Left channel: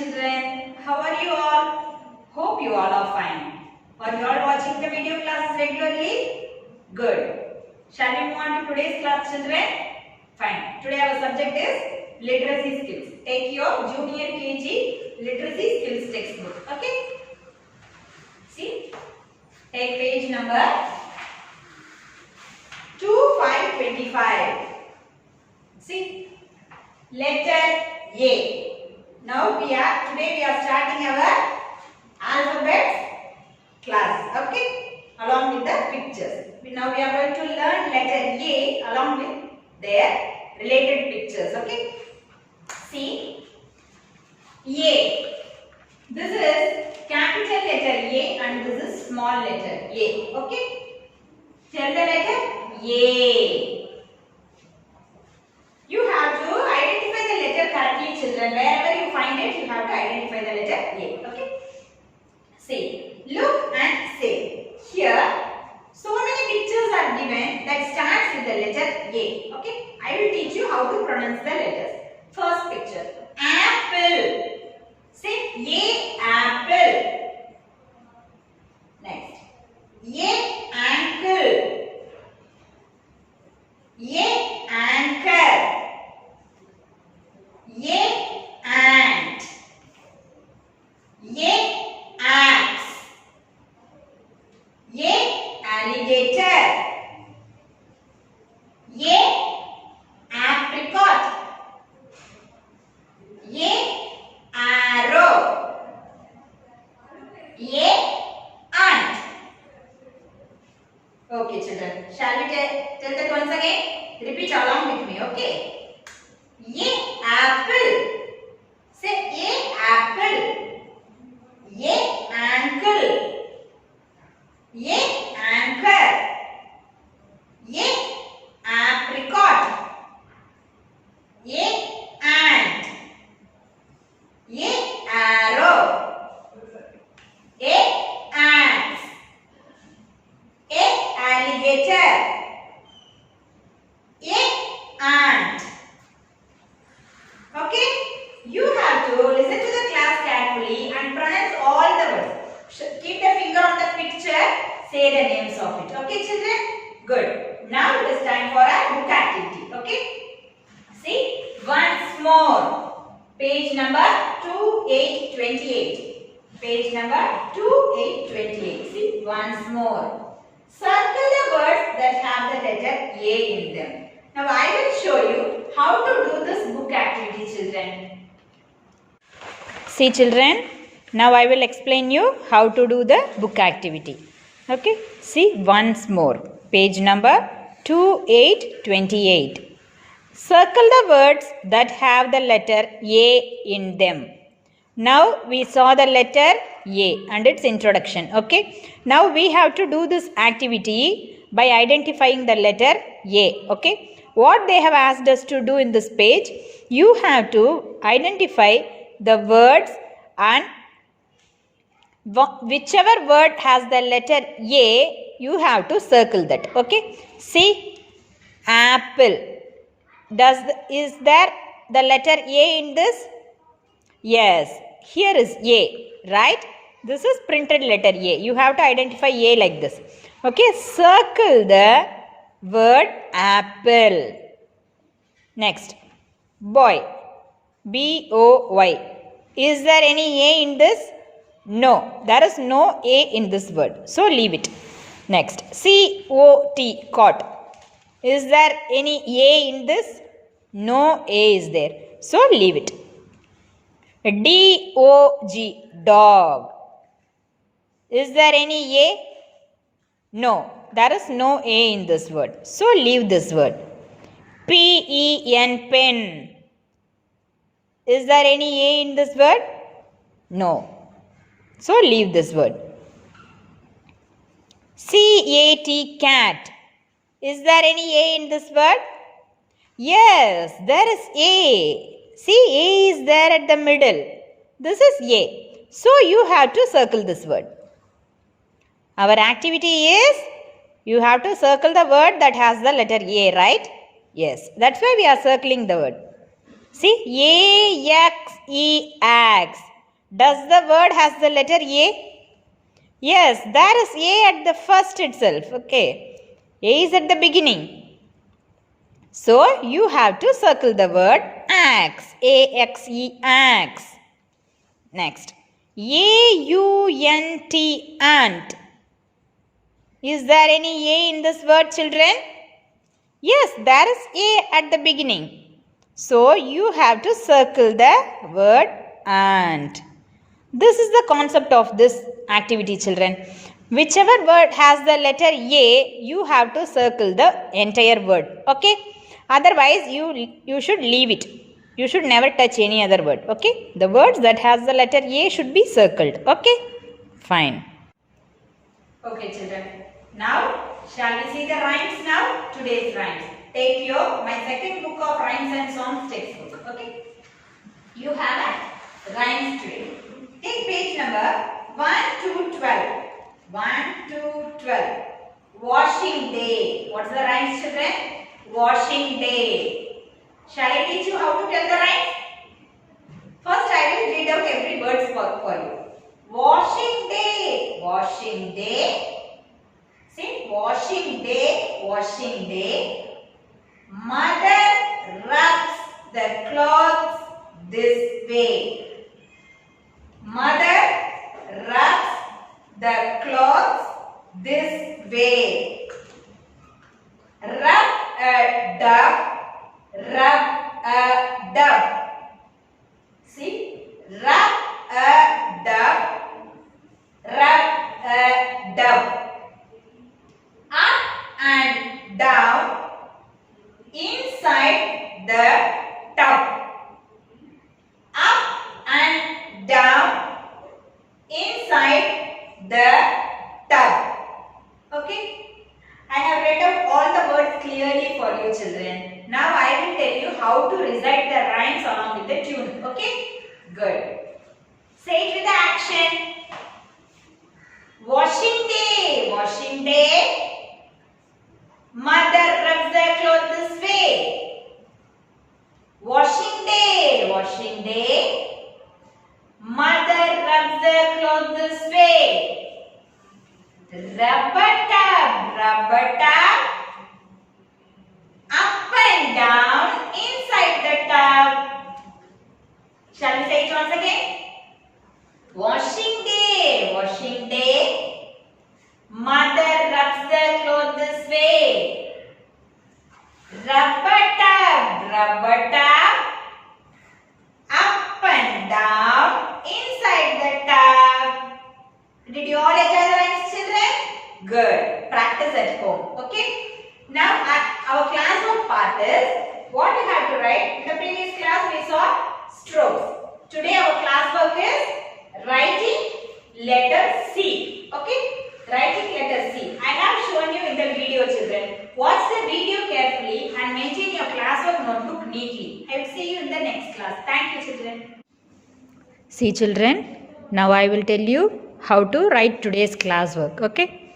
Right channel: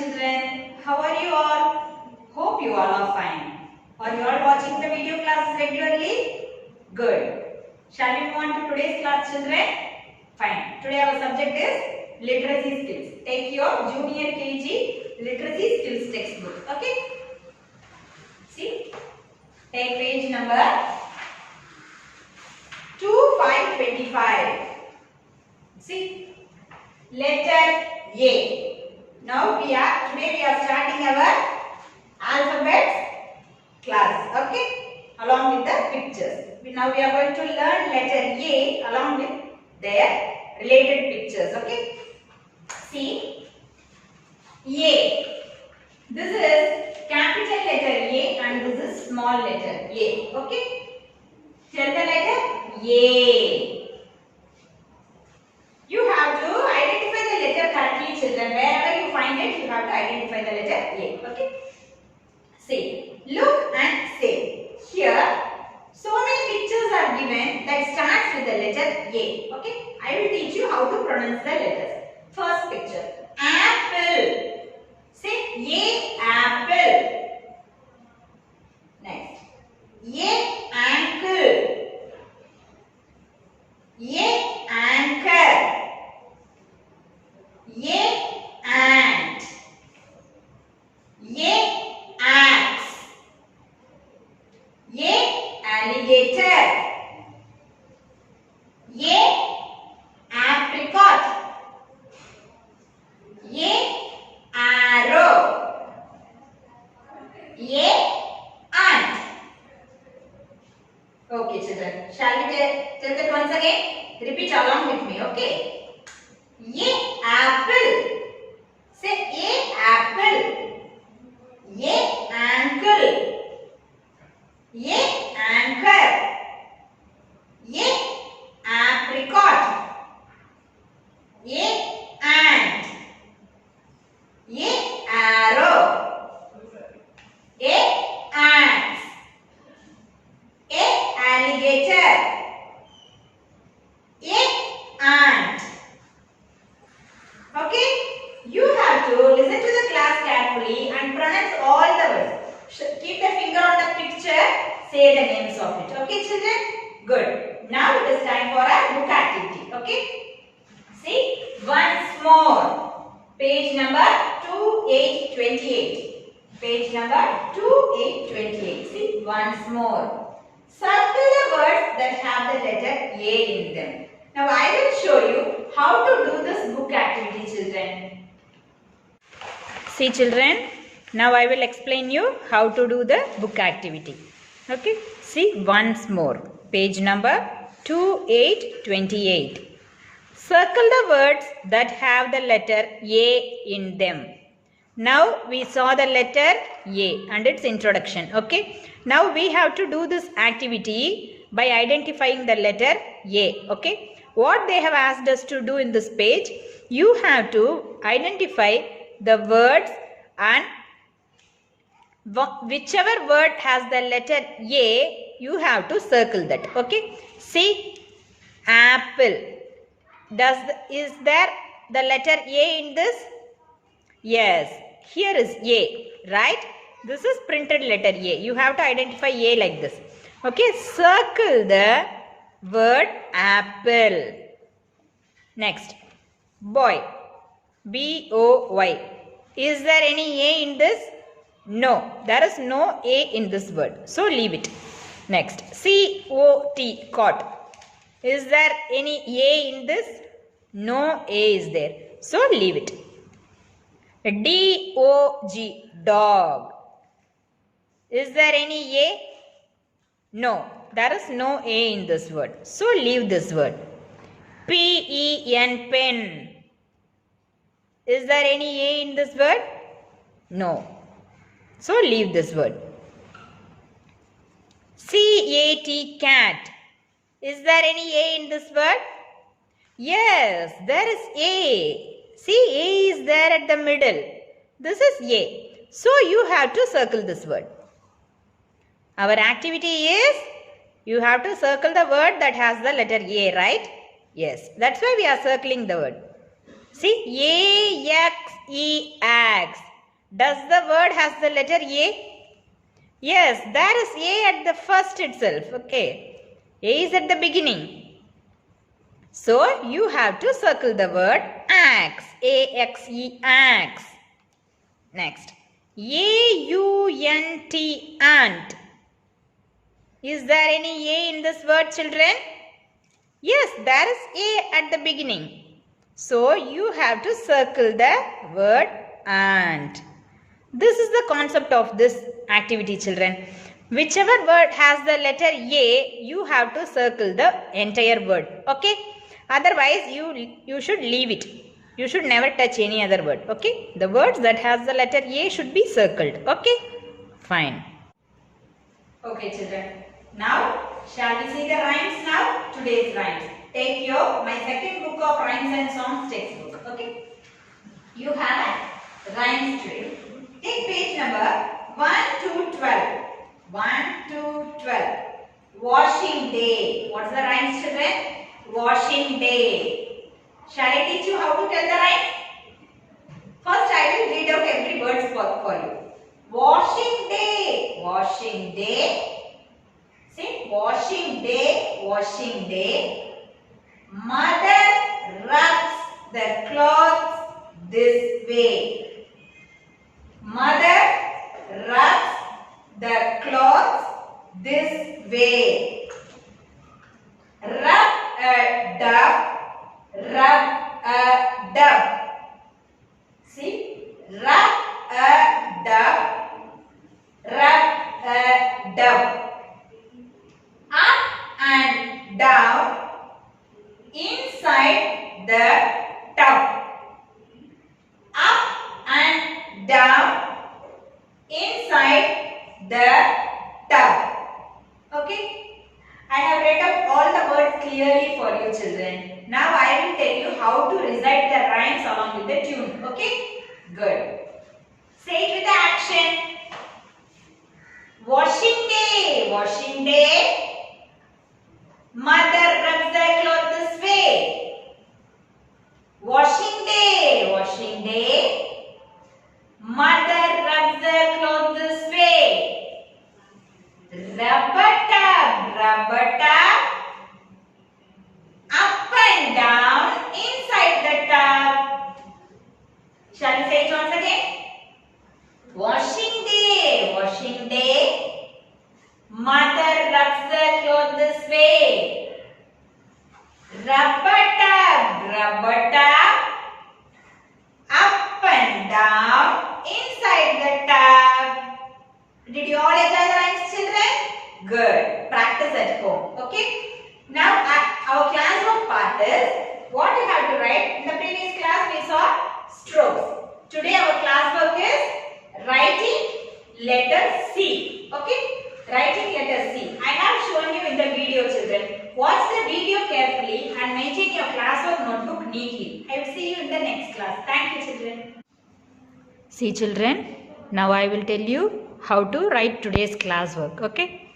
children. How are you all? Hope you all are fine. Are you all watching the video classes regularly? Good. Shall we move on to today's class, children? Fine. Today our subject is literacy skills. Take your junior KG literacy skills textbook. Okay? See? Take page number 2525. See? Letter A. Now today we are starting our alphabet class. Okay? Along with the pictures. Now we are going to learn letter A along with their related pictures. Okay? See? A. This is capital letter A and this is small letter A. Okay? Tell the letter A. You have to identify the letter correctly, children. Wherever you find it, you have to identify the letter A. Okay? See, look and say. Here, so many pictures are given that starts with the letter A. Okay? I will teach you how to pronounce the letters. First picture, apple. Say A, apple. Next, A, ankle. A, anchor. A, ant. A, axe. A, alligator. A, apricot. A, arrow. A, ant. Okay, children. Shall we tell that once again? Repeat along with me, okay? A, apple. Say A, apple. A, ankle. A, anchor. A, apricot. A, ant. A, arrow. A, ants. A, alligator. A, ant. Okay? You have to listen to the class carefully and pronounce all the words. Keep the finger on the picture. Say the names of it. Okay, children? Good. Now it is time for a book activity. Okay? See? Once more. Page number 2828. Page number 2828. See? Once more. Circle the words that have the letter A in them. Now I will show you how to do this book activity, children. See, children, now I will explain you how to do the book activity. Okay, see once more. Page number 2828. Circle the words that have the letter A in them. Now we saw the letter A and its introduction. Okay, now we have to do this activity by identifying the letter A. Okay. What they have asked us to do in this page, you have to identify the words and whichever word has the letter A, you have to circle that. Okay. See, apple. Is there the letter A in this? Yes. Here is A, right? This is printed letter A. You have to identify A like this. Okay. Circle the word apple. Next, boy. B-O-Y. Is there any A in this? No, there is no A in this word. So leave it. Next, C-O-T. Cot. Is there any A in this? No A is there. So leave it. D-O-G. Dog. Is there any A? No, there is no A in this word. So leave this word. P-E-N, pen. Is there any A in this word? No. So leave this word. C-A-T, cat. Is there any A in this word? Yes, there is A. See, A is there at the middle. This is A. So you have to circle this word. Our activity is, you have to circle the word that has the letter A, right? Yes, that's why we are circling the word. See, A-X-E, axe. Does the word has the letter A? Yes, there is A at the first itself. Okay. A is at the beginning. So, you have to circle the word axe. A-X-E, axe. Next. A-U-N-T, ant. Is there any A in this word, children? Yes, there is A at the beginning. So, you have to circle the word ant. This is the concept of this activity, children. Whichever word has the letter A, you have to circle the entire word. Okay? Otherwise, you should leave it. You should never touch any other word. Okay? The words that has the letter A should be circled. Okay? Fine. Okay, children. Now, shall we see the rhymes now? Today's rhymes. Take my second book of rhymes and songs textbook. Okay? You have a rhymes today. Take page number 1 to 12. 1 to 12. Washing day. What's the rhymes, children? Washing day. Shall I teach you how to tell the rhymes? First, I will read out every word for you. Washing day. Washing day. See, washing day. Washing day. Mother rubs the clothes this way. Mother rubs the clothes this way. Rub a dub. Rub a dub. See, rub a dub. Rub a dub. Up and down inside the tub. Up and down inside the tub. Okay? I have read out all the words clearly for you, children. Now I will tell you how to recite the rhymes along with the tune. Okay? Good. Say it with the action. Washing day. Washing day. Mother rubs the clothes this way. Washing day. Washing day. Mother rubs the clothes this way. Rubber tub. Rubber tub. Up and down inside the tub. Shall we say it once again? Washing day. Washing day. Mother rubs the clothes this way. Rubber tub. Rubber tub. Up and down inside the tub. Did you all enjoy the rhymes, children? Good. Practice at home. Okay? Now our classwork part is what you have to write. In the previous class we saw strokes. Today our classwork is writing letter C. Okay? Writing letter C. I have shown you in the video, children. Watch the video carefully and maintain your classwork notebook neatly. I will see you in the next class. Thank you, children. See, children. Now I will tell you how to write today's classwork. Okay?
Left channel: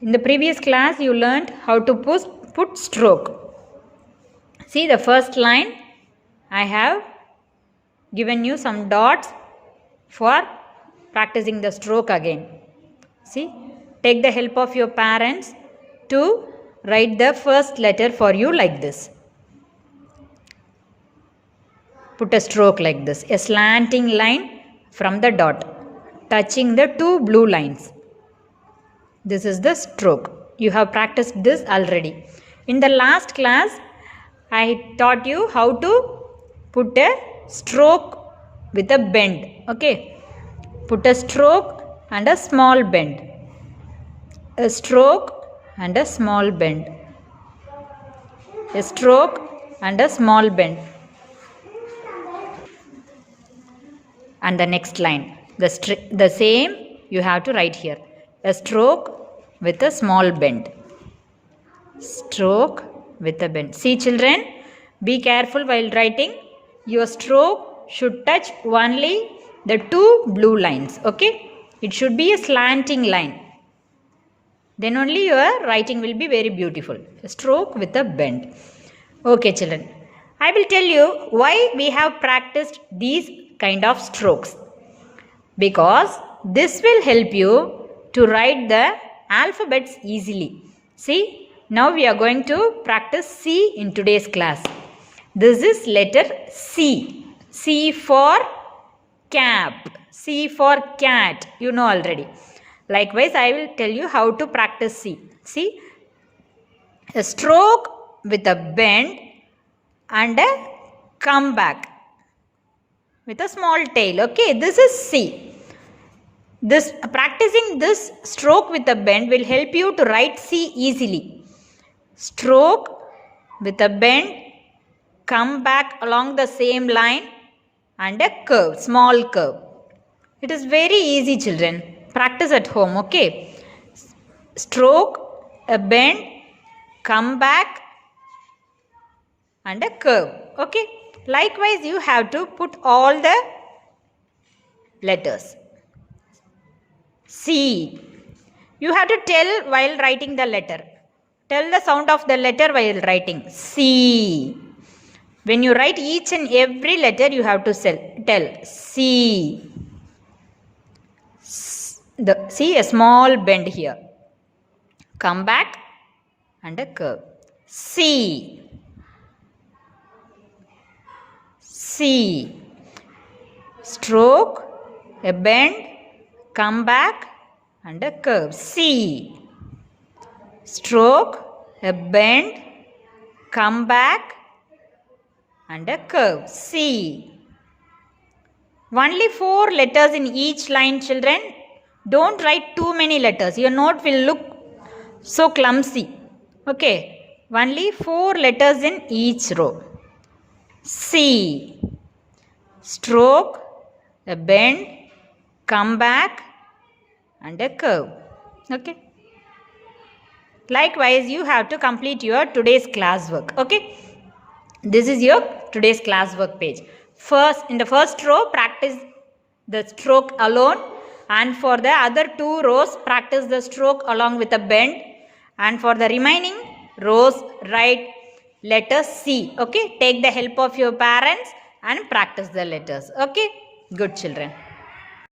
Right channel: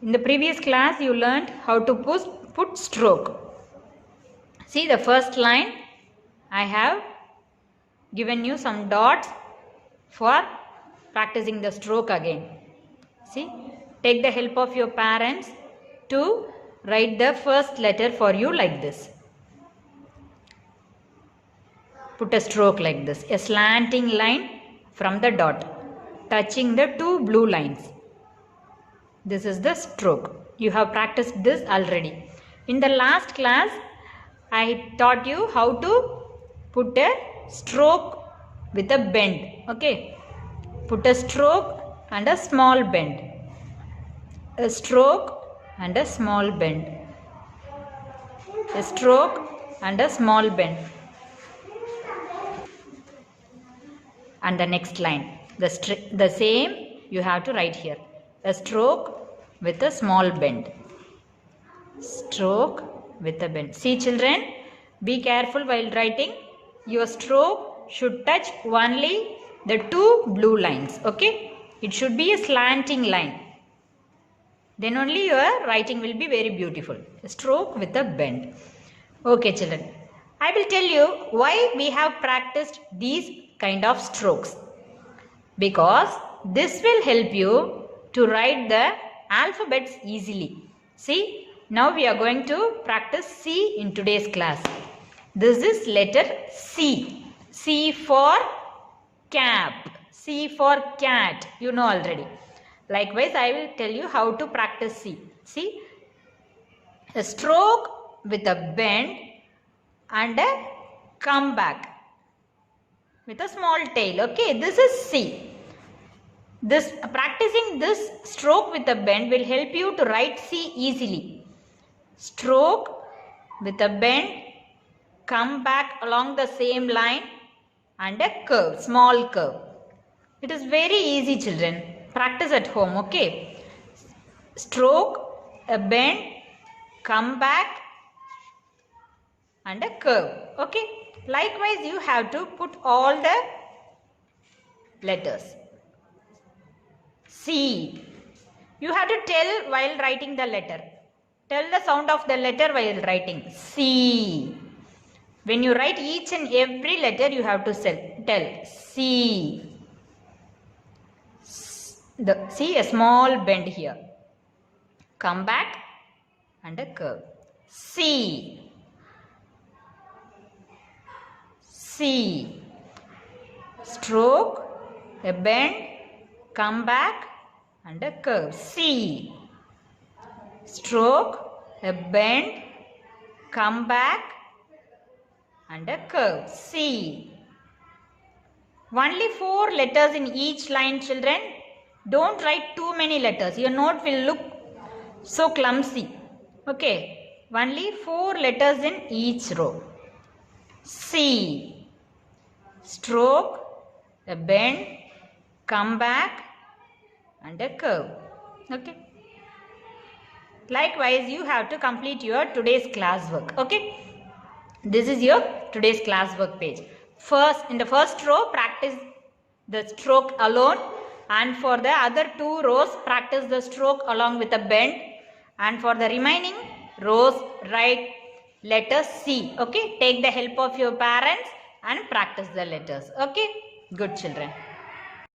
In the previous class, you learned how to put stroke. See the first line. I have given you some dots for practicing the stroke again. See, take the help of your parents to write the first letter for you like this. Put a stroke like this, a slanting line from the dot, touching the two blue lines. This is the stroke. You have practiced this already. In the last class, I taught you how to put a stroke with a bend. Okay. Put a stroke and a small bend. A stroke and a small bend. A stroke and a small bend. And the next line. The same you have to write here. A stroke with a small bend. Stroke with a bend. See, children, be careful while writing. Your stroke should touch only the two blue lines. Okay? It should be a slanting line. Then only your writing will be very beautiful. A stroke with a bend. Okay, children. I will tell you why we have practiced these kind of strokes. because this will help you to write the alphabets easily. See, now we are going to practice C in today's class. This is letter C. C for cap. C for cat. You know already. Likewise, I will tell you how to practice C. See, a stroke with a bend and a comeback with a small tail. Okay, this is C. Practicing this stroke with a bend will help you to write C easily. Stroke with a bend, come back along the same line and a curve, small curve. It is very easy, children. Practice at home, okay? Stroke, a bend, come back and a curve, okay? Likewise, you have to put all the letters. C. You have to tell while writing the letter. Tell the sound of the letter while writing. C. When you write each and every letter, you have to tell C. See a small bend here. Come back and a curve. C. C. Stroke, a bend, come back and a curve. C. Stroke, a bend, come back and a curve. C. Only 4 letters in each line, children. Don't write too many letters. Your note will look so clumsy. Okay. Only 4 letters in each row. C. Stroke, a bend, come back and a curve. Okay. Likewise, you have to complete your today's classwork. Okay. This is your today's classwork page. First, in the first row, practice the stroke alone, and for the other 2 rows, practice the stroke along with a bend, and for the remaining rows, write letter C. Okay. Take the help of your parents and practice the letters. Okay. Good children.